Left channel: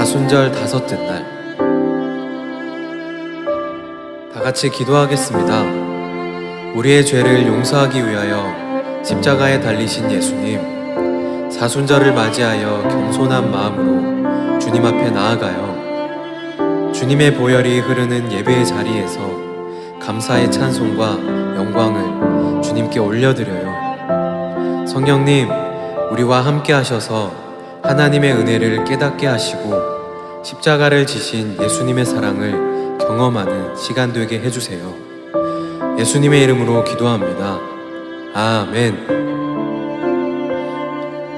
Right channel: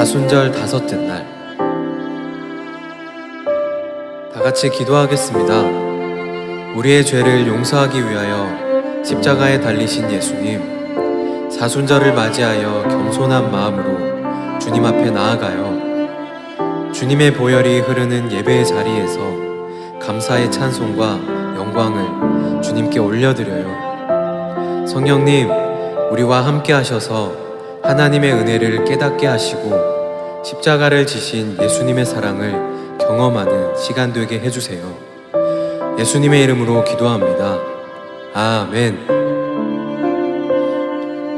사순절 다섯째 날. 다 같이 기도하겠습니다. 우리의 죄를 용서하기 위하여 십자가에 달리신 예수님, 사순절을 맞이하여 겸손한 마음으로 주님 앞에 나아가요. 주님의 보혈이 흐르는 예배의 자리에서 감사의 찬송과 영광을 주님께 올려드려요. 성령님, 우리와 함께 하셔서 하나님의 은혜를 깨닫게 하시고 십자가를 지신 예수님의 사랑을 경험하는 시간 되게 해주세요. 예수님의 이름으로 기도합니다. 아멘.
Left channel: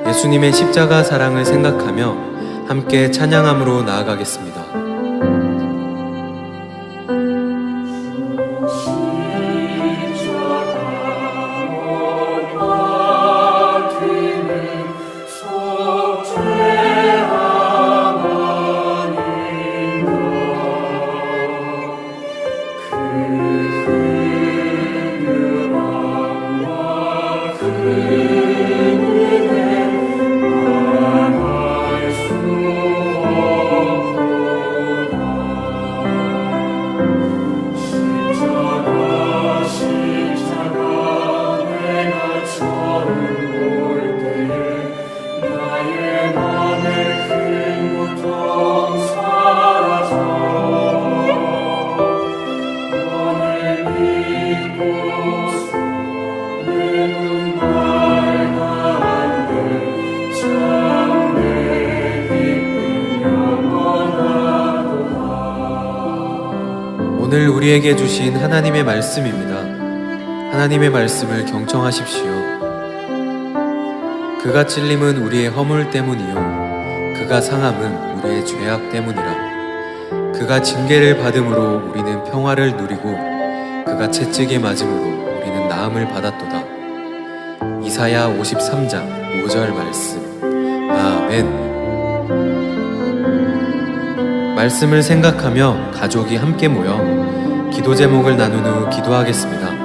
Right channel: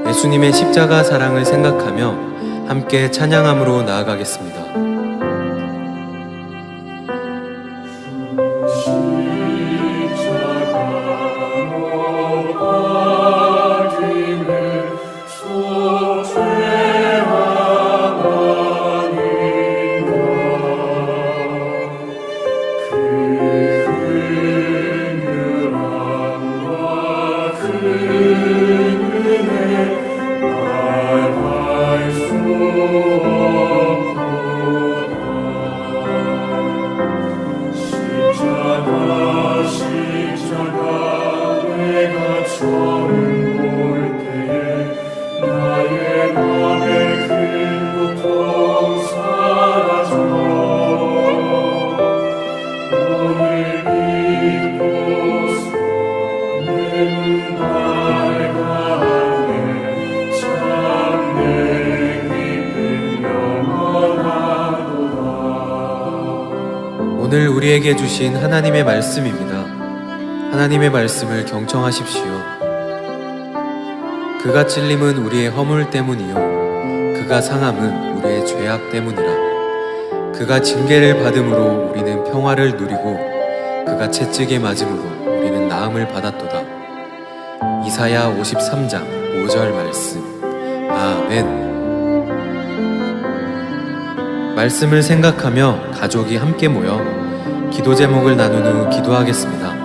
예수님의 십자가 사랑을 생각하며 함께 찬양함으로 나아가겠습니다. 오늘 우리에게 주신 하나님의 말씀입니다. 하나님의 말씀을 경청하십시오. 그가 찔림은 우리의 허물 때문이요. 그가 상함은 우리의 죄악 때문이라. 그가 징계를 받음으로 우리는 평화를 누리고 그가 채찍에 맞음으로 우리는 나음을 받았도다. 이사야 53장 5절 말씀. 아멘. 말씀을 생각하며 가족이 함께 모여 기도 제목을 나눈 후 기도하겠습니다.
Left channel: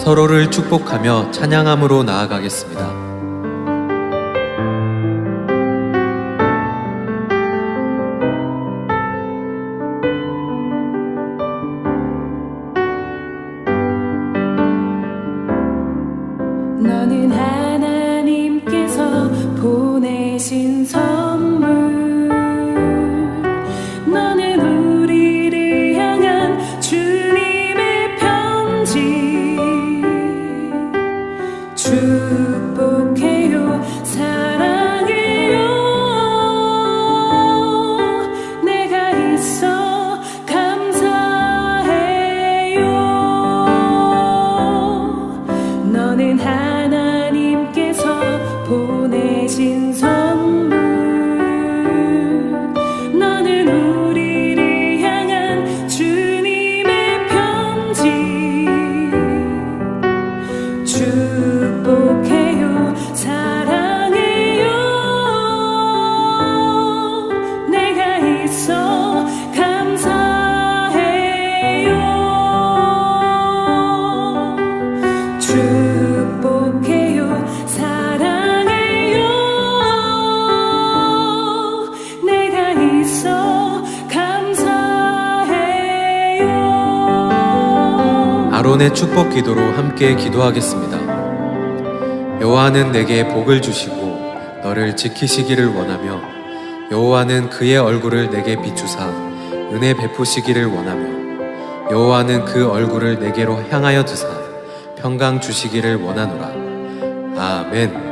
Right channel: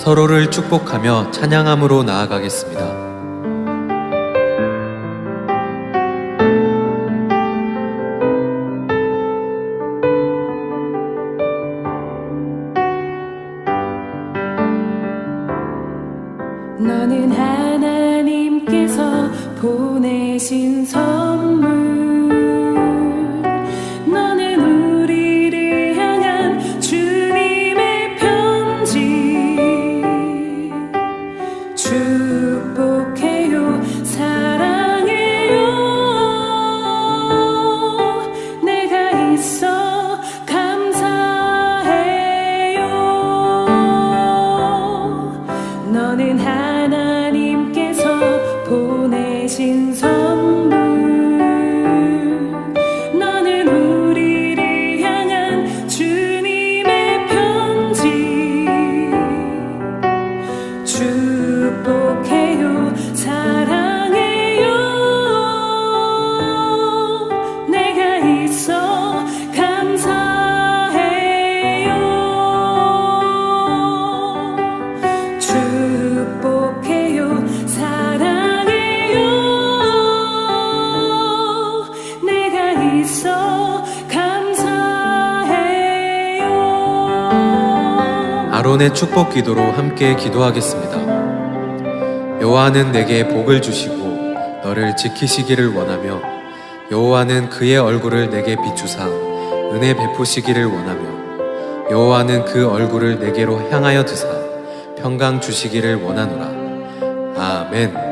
서로를 축복하며 찬양함으로 나아가겠습니다. 너는 하나님께서 보내신 선물 너는 우리를 향한 주님의 편지 축복해요. 사랑해요. 내가 있어 감사해요. 너는 하나님께서 보내신 선 축복해요 아론의 축복 기도로 함께 기도하겠습니다. 여호와는 내게 복을 주시고 너를 지키시기를 원하며 여호와는 그의 얼굴을 내게 비추사 은혜 베푸시기를 원하며 여호와는 그 얼굴을 내게로 향하여 드사 평강 주시기를 원하노라. 아멘.